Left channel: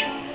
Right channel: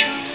Thank you.